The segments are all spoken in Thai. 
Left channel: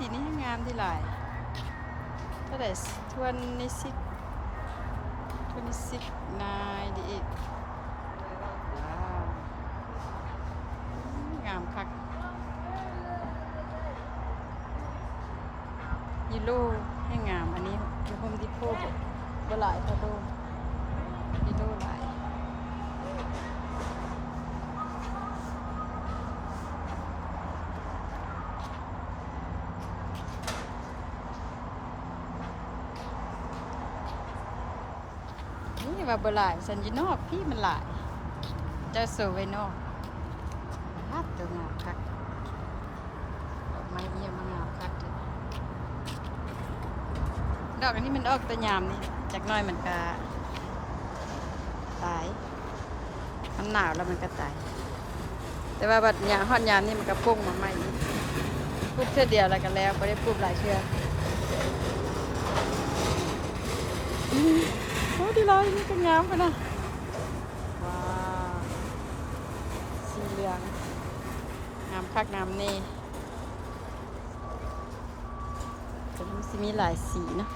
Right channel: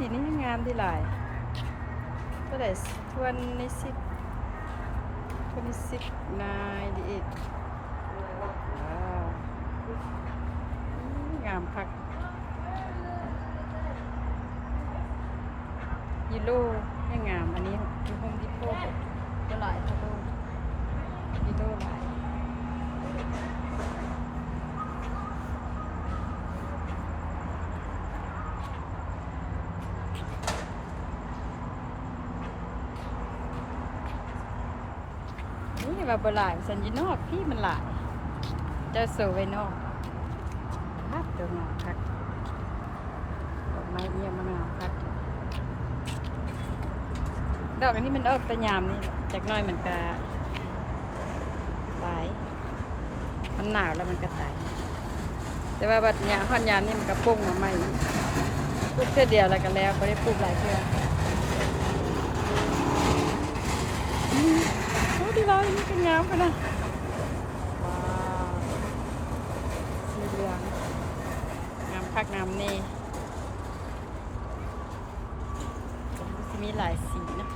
สีนี้งามที่หลายเท่าไหร่26 นายดีอีกงามคักยูโรให้งามอันนี้ยูโฮมดิโก้บ่หลายเท่าโลยูโรหลายนี่ว่าบ่หลายสันยูนอกพี่มันหลายเจ้าโซไว้นอกฮัดตัวงามคักดอกไม้เยี่ยมมางามคักดอกอันนี้มันออกตะยามนี่จากน้อยมันก็ตายมันหนาวแล้วมันก็ตายแต่ว่าบัดเนี้ยฮอดยามนี่มันก็พุ่งมาใหม่ปลูกเท่าเดียวแล้วก็แล้วไม่ได้ปลูกหลายเทื่อโอ้ดีเลยนี่เป็นงามขนาดว้าวสีเหลืองงามคักงามเน่ผมสิมีหลายสีนะ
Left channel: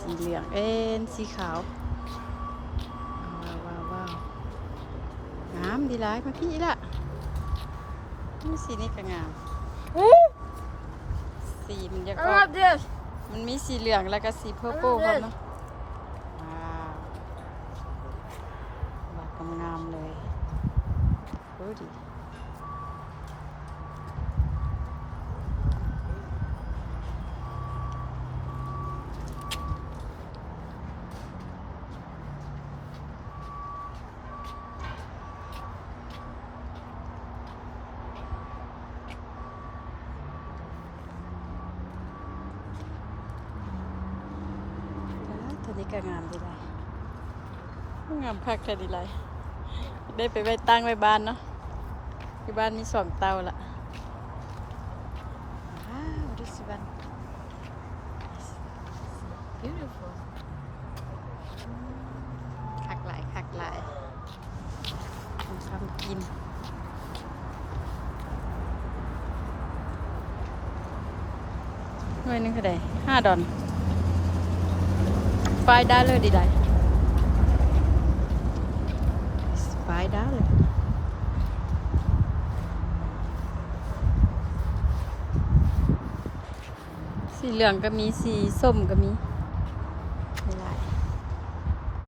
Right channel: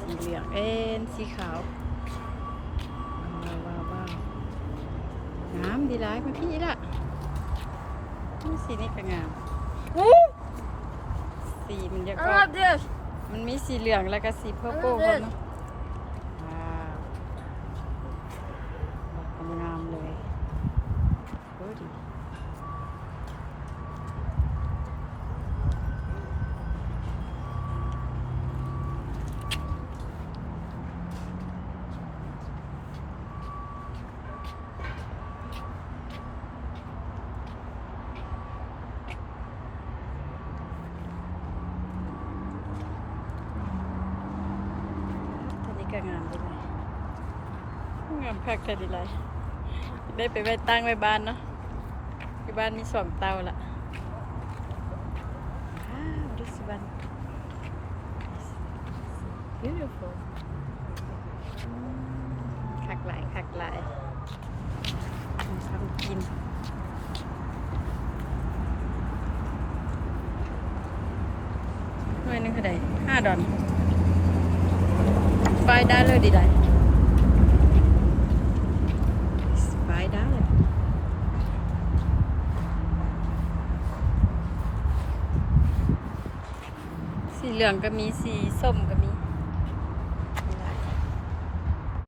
สีเหลืองสีขาวว้าวงามดีหลายมาพี่ละนี่สีนี้ก็งามสีมันจะก็มันมีสีเหลืองแล้วก็สีเพอร์โป้ครับเนาะว้าวงามเลยโอ้ดีก็งามดีเลยงามคักแค่ดีเลยได้ไปไว้ตั้งไว้บ้านเนาะที่บ้านมี2 เตาละว้าว this one beautiful คักหลายทำกินหน่วยนึงเท่าไหร่$5$5ดีได้$5สีเหลืองก็มีสีส้มก็มี